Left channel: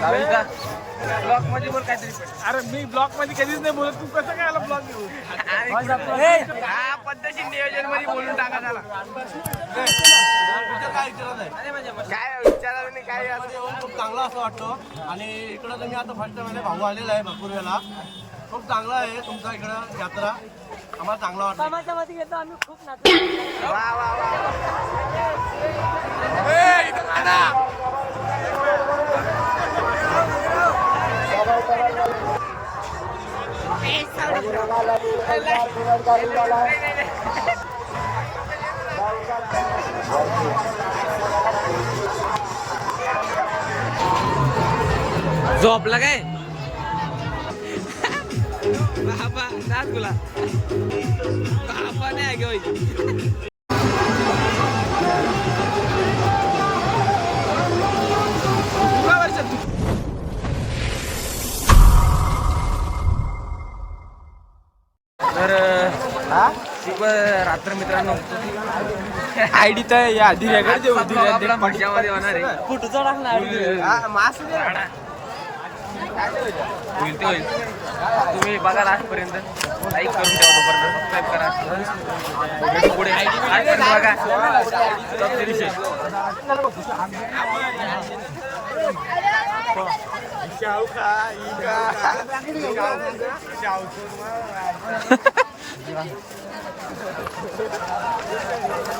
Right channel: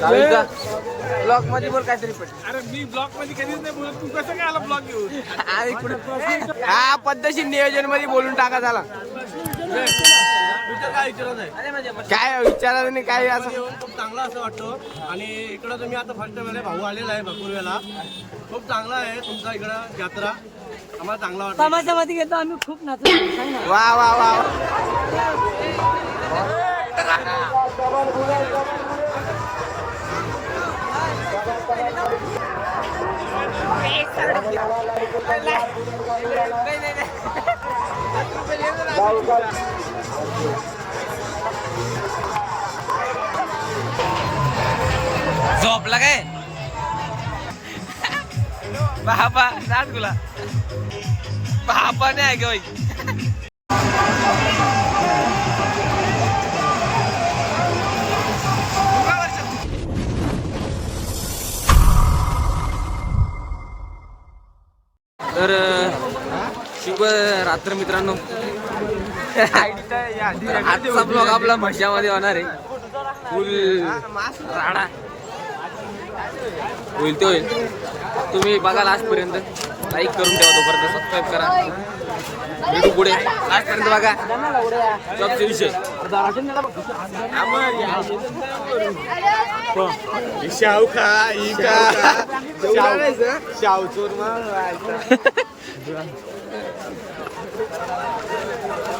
चालेल का ब्लॉकमध्ये बोल काहीतरी पण. अरे मी ब्लॉकमध्ये कधीच नाही बोलत. तू कसं काय आला ब्लॉक घेऊन? हा पद्धतशीर नियोजनमध्ये बोलून टाका झाला. काय विचारत आहे? काय विचारायला नाही काय मध्ये येऊन खूप चांगला असं वाटतो. आणि इकडं तुम्ही आता फर्स्ट टाइम भाऊ आलेला आहे भरपूर वेळा. खूप चांगला आहे तुमचा इकडं यात्रा. आम्हाला चांगला वाटतं समाजामध्ये घेतो आम्ही खूप नाचलो. वा वा वा. झोपला काय बाबा नाच गुला बाबा नाही आहे होय तर शुभ रात्र मित्रांनो. आयडी तर या आजचा ब्लॉग आपला म्हटल्यामध्ये होणार आहे. फुल राडा. होईल तो होईल. तुम्ही बघा लास्टपर्यंत लाईक करून ठेवा तोपर्यंत. सबस्क्राईब करा. भेटू पुढे. लास्टपर्यंत बघा. सबचे विषय. शाहू खा शाहू. चोर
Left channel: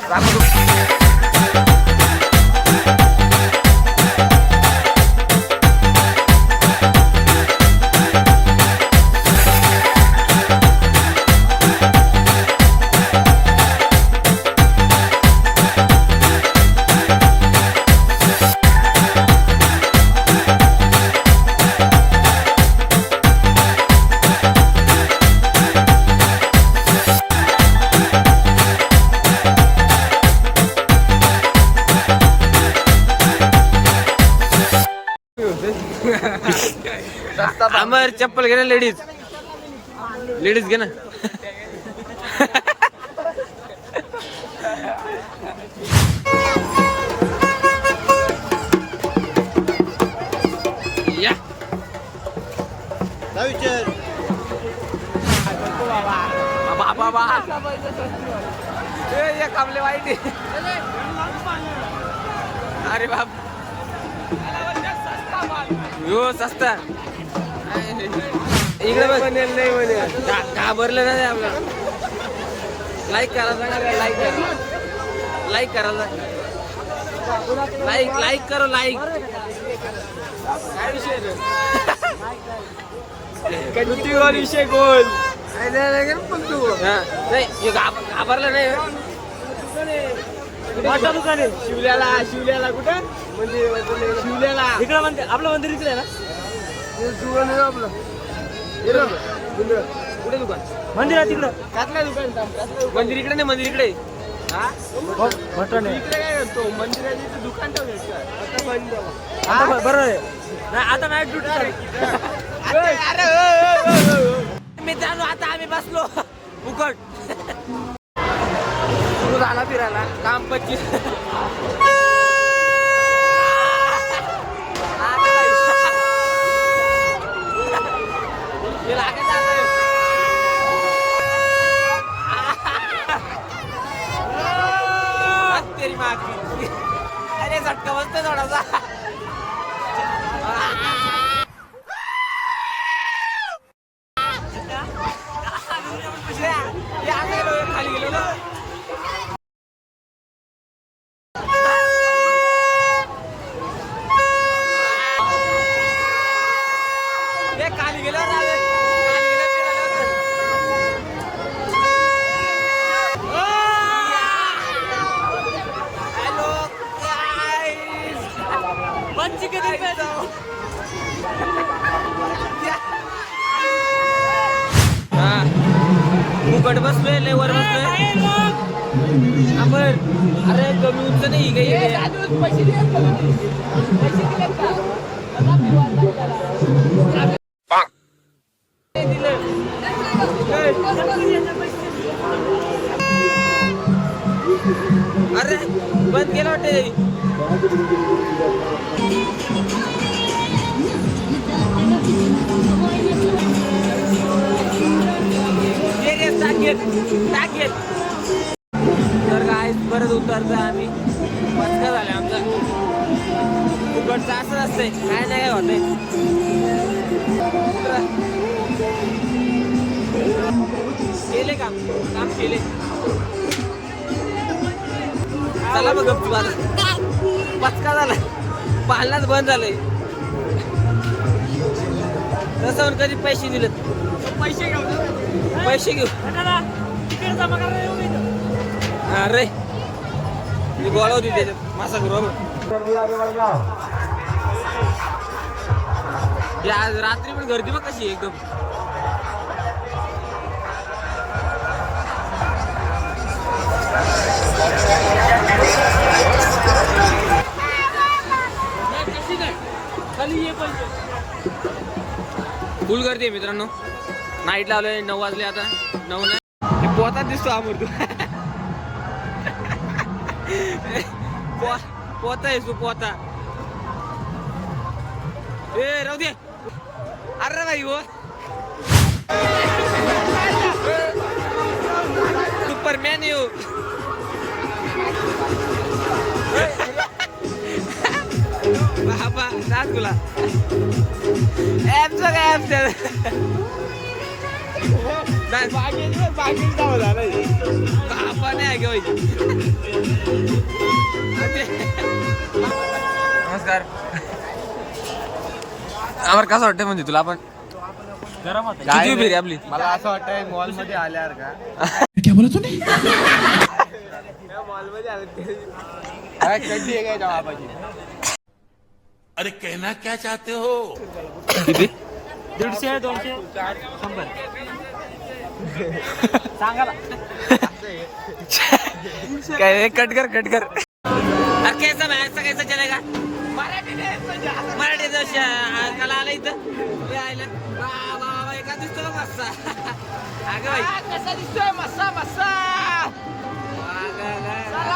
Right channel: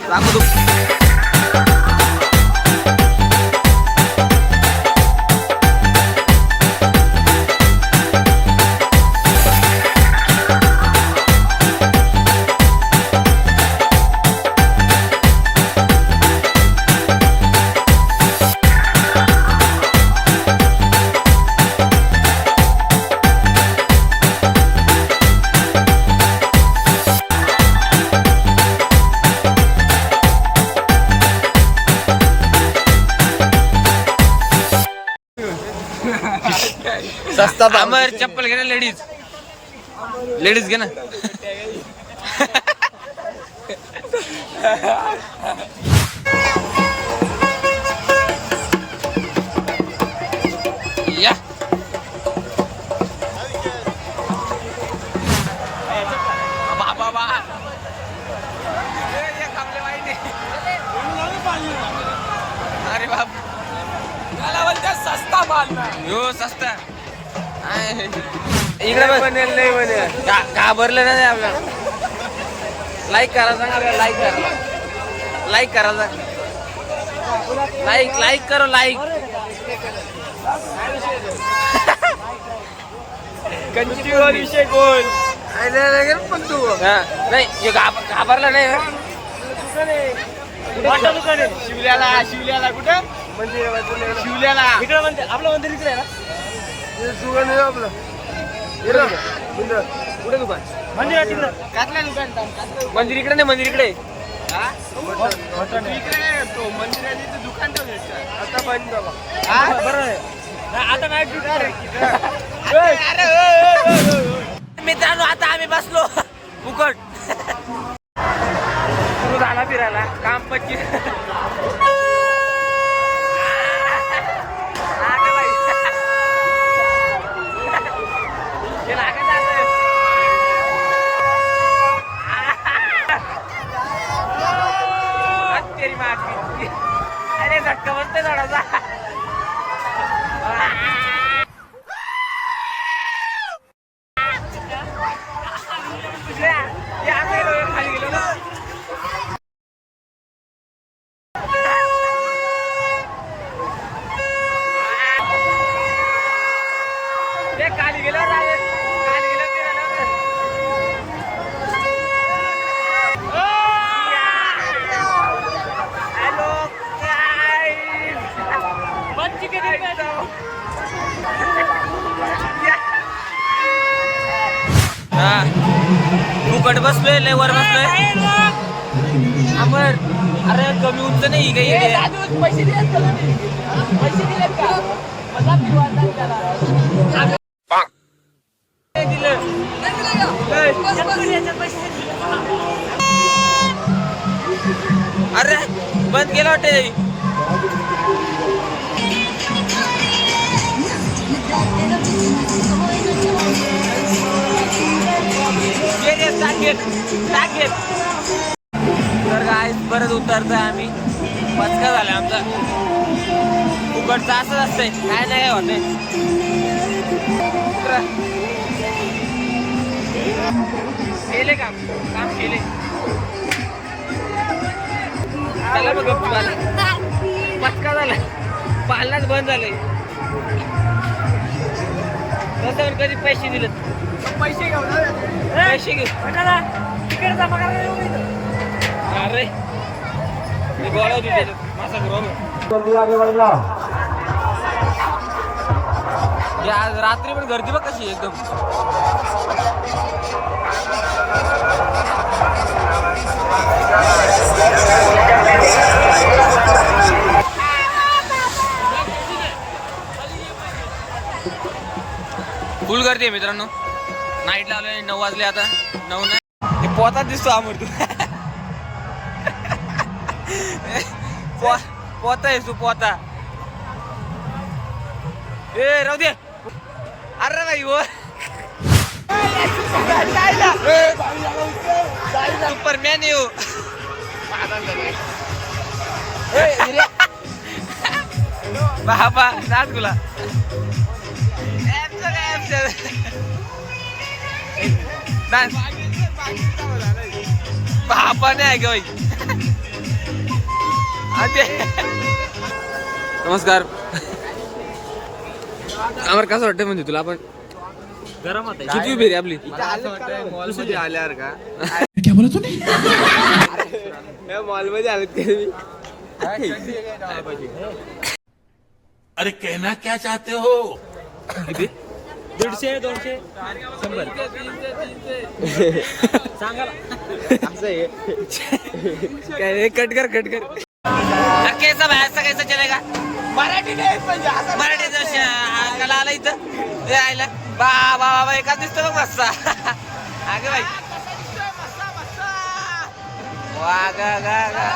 दाखव तू अमर चप्पल घे ना लेडीज लेडीज घे ना. या. बा बा बा ए, ये कामले बाई ते. अरे बाप. यो सस्ता. इकडे बनेल नाही बनेल. घाबरलं नाही आपल्याला. लाईक करा सांगा लाईक करा. लाईक करा लाईक लाईक करो लाईक विषय गोल. पण तू. नाही हे घाब- घाबरला नाही? शिवल्याला शिवल्याला कुठं? शिवल्याला. इकडे मंदिर आपलं मंदिर इकडे ना. कुठे दुकान? मंदिर आहे तिकडे. कातल्या दुकान मंदिर इकडे नाही मंदिर इकडे. आता बंद बरोबर आहे नाही, आता नाईट मित्रांनो आता आम्ही बसलो. फुकट. सुरू झाला फिरायला. काम पच्चीस आता बाई. हे लागत आलं. हट तेरी माँ अरे झटका बसते थोडासा. गेलो, खाली गेलो ना खाली गेलो रावे हा. फुकट बसलोय लय वर बसलोय. अमर अरे कमी उंच नाही काही अरे बंद केलं वाटते घेत टाक घेत तर काय परत उतरतोय आम्ही. पचका झाला आमचा. फुकटचं असंच असतंय. काय नाही होत केले काम. काम केले. चला बघ गप्पू पचका झाला पालनाच बंद झालंय. पण कधी पैसे दिलेत? पैसे घेऊ ना पैसे घेऊ तिकडे जमा करायला. अरे मी गोळा होती त्याच्यात मासा बरोबर आज रात्री पण गर्दी बघ कशी आहे एकदम. फुल गर्दी आहे मित्रांनो. नाईट लावले नऊ वाजले आता. नऊ नाही. हे पोतात दिसतो अमर तू. पो पोता आहे तू पोता. ए राहू दे. अरे भाई वो सुपरमॅन येऊ बाबा नाच गुला ऍपचं काय ऍपचं डान्स बापा नाही आहे बाई. अरे नमस्कार. आम्हाला कसं वाटतं म्हणजे तुला आपण? गरम होत किती उभी रे आपली? मला असं वाटतं मॉलमध्ये आल्यावर का? मॉलमध्ये आले? अरे कहना क्या चाहते हो? दीडशे दोनशे? शंभर. सांगा ना. काय कट कर कट कर. कैसा भाई ऐसा कैसा चलेगा? मराठी मराठी कला आला इथं. ते आयला. बा बा बा एकाच दिसतो बघ मस्सा अगं बाई. वा गा गा गा.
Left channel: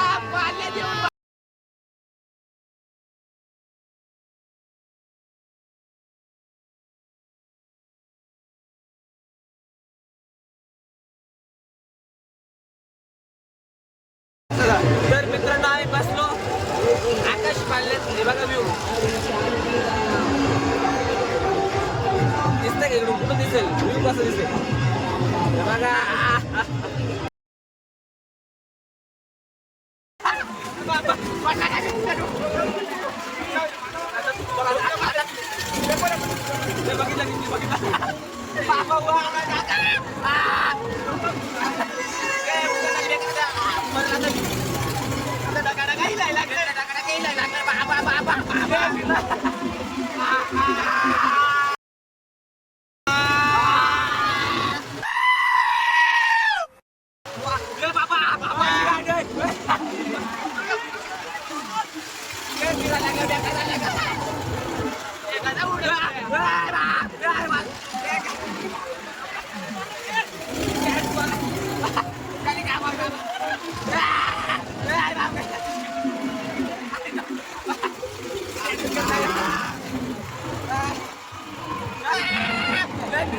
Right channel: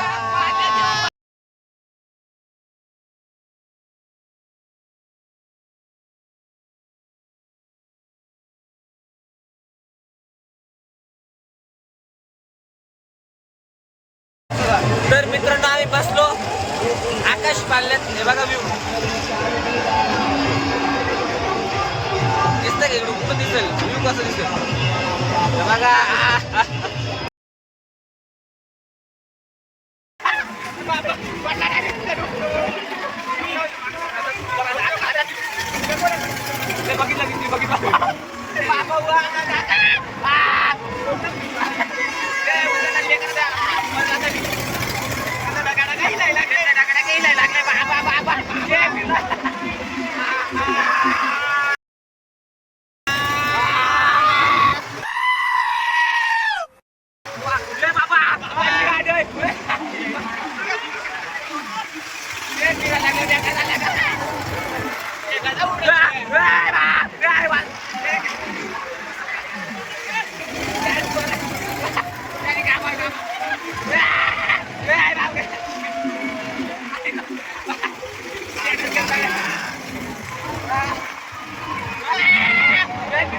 तर मित्रांनो आम्ही बसलो. आकाश पाल्यात हे बघा व्यू दिसतं का इकडून कुठं दिसेल. व्यू कसं दिसेल? हे बघा. बघितलं किती बघितलं बाबा वा, गा,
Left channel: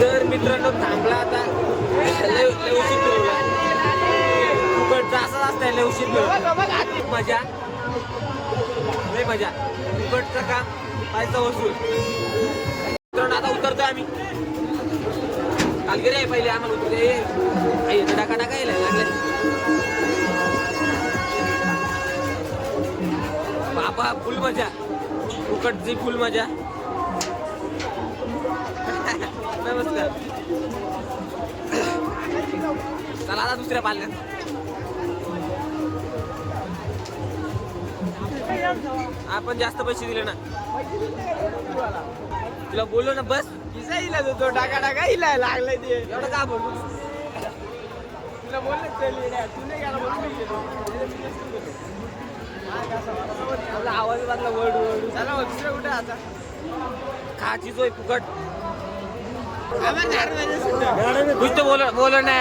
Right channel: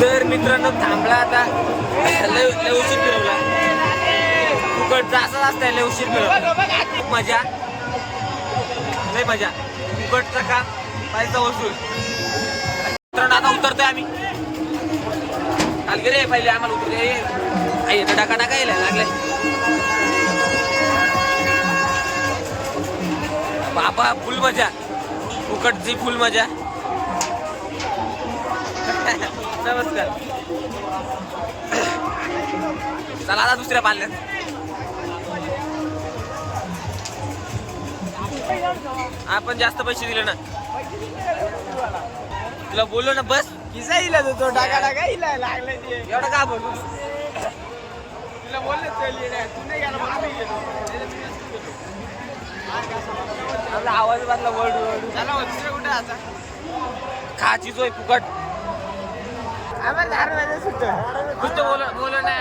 तर मित्रांनो थांबला आता. लय लय उशीर फिरवला. कुकडचा असाच असतंय लय उशीर फिरवला. खूप मजा. लय मजा. कुकडचं काम पाहिजे वसूल मित्रांनो आता उतरतोय आम्ही. काल रे पहिले आम्हाला उतरले आई तर टाका टाका यायला लागले बाबा फुल मजा. फुकटची फुल मजा. नमस्कार. चला आता दुसऱ्या पाल्यात. आपण जास्त पैसे दिले ना. तुला बोललो ना बस. किसा इला तो टाका टाका इला लागले ते. एवढं का बोलू? तुला बोलले चल ये तू नाही गेला म्हणून मी गेलो. आपला आवाज बांधला वर्ड वर्ड चला दुसरं कुठे आता? खाची सोय फुकट. आम्हाला दहा रुपयाचं सुद्धा. कुछ तो बोलो बोलो ना.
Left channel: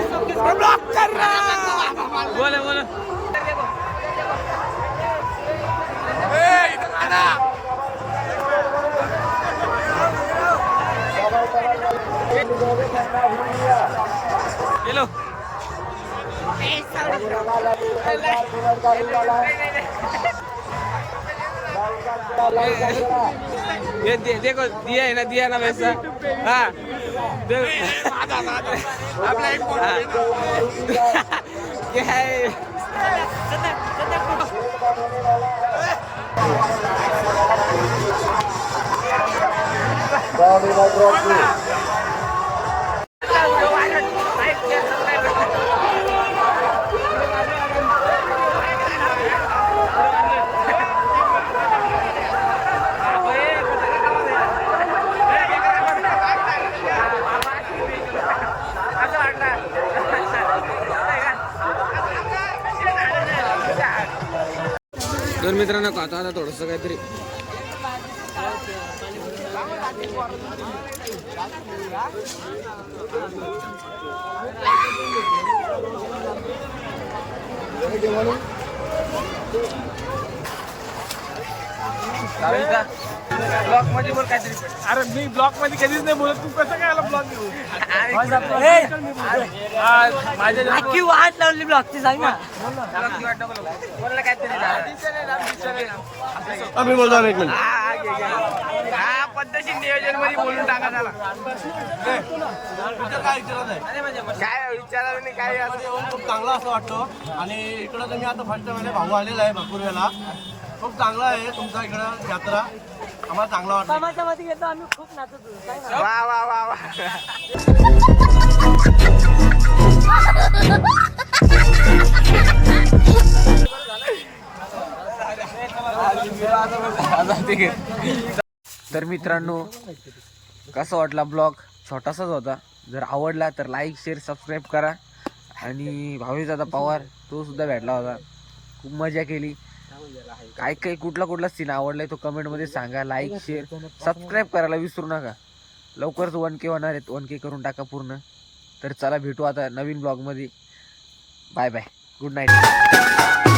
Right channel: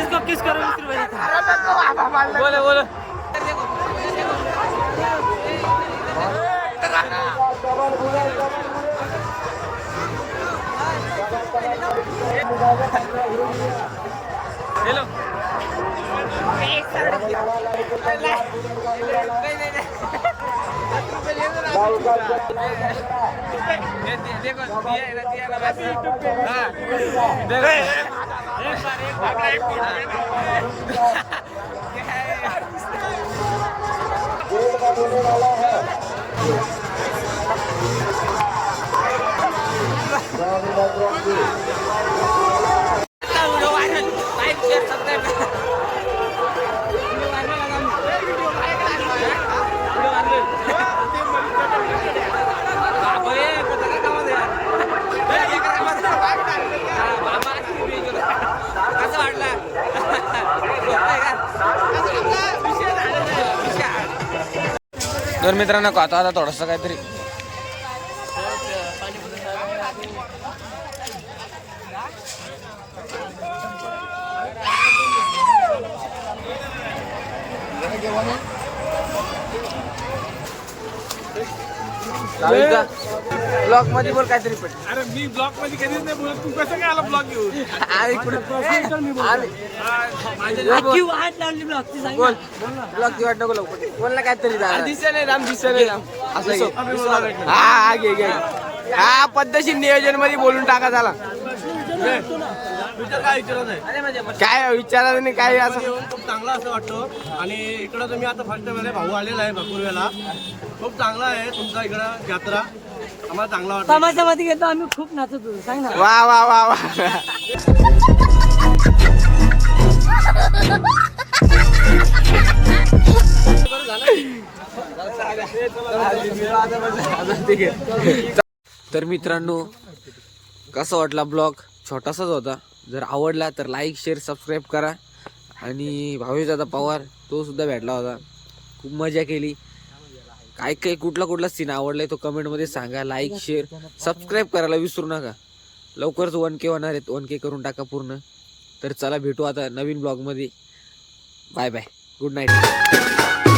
इसको किस कर बोलो बोलो. हेलो ये दे- देखो दिया है ना दिया ना वैसा. हाँ. क्या है. Video viral like share subscribe बाबा ये कसं यार बाबा कसं वाटला का? तर मित्रांनो आता आता थोडस काहीतरी Thank you. ब्लॉकमध्ये बोल काहीतरी पण. अरे मी ब्लॉकमध्ये कधीच नाही बोलत. तू कसं काय आला ब्लॉक घेऊन? अरे माझ्या घरी बोल. वाट लावली ब्लॉकची सांग ना. ब्लॉक ची वाट नको लावू. बोल ना काहीतरी असं घे. हा हा घे घे. हा पद्धतशीर नियोजनमध्ये बोलून टाका झाला काय विचारत आहे? काय विचारायला नाही काय असं येऊन खूप चांगला असं वाटतो आणि इकडं तुम्ही आता फर्स्ट वेळेला भाऊ आलेला आहे भरपूर वेळेला खूप चांगला आहे तुमचा इकडं यात्रा. आम्हाला चांगला वाटतं समाजामध्ये घेतो आम्ही खूप नाचत होतो. सांग ना. वा वा वा वा. तर मित्रांनो कसा वाटला ब्लॉग? छोटासाच होता. जर आवडला तर लाईक शेअर सबस्क्राईब करा. आणि भावेशदादा पवार तो सुद्धा भेटला होता. खूप मजा केली. काय काय कुठला कुठला सीन आवडलाय तो कमेंटमध्ये सांगा लाईक शेअर सबस्क्राईब करायला विसरू नका. लवकरच वन के होणार आहेत वन के करून टाका पूर्ण. तर चला भेटू आता नवीन ब्लॉगमध्ये बाय बाय गुड नाईट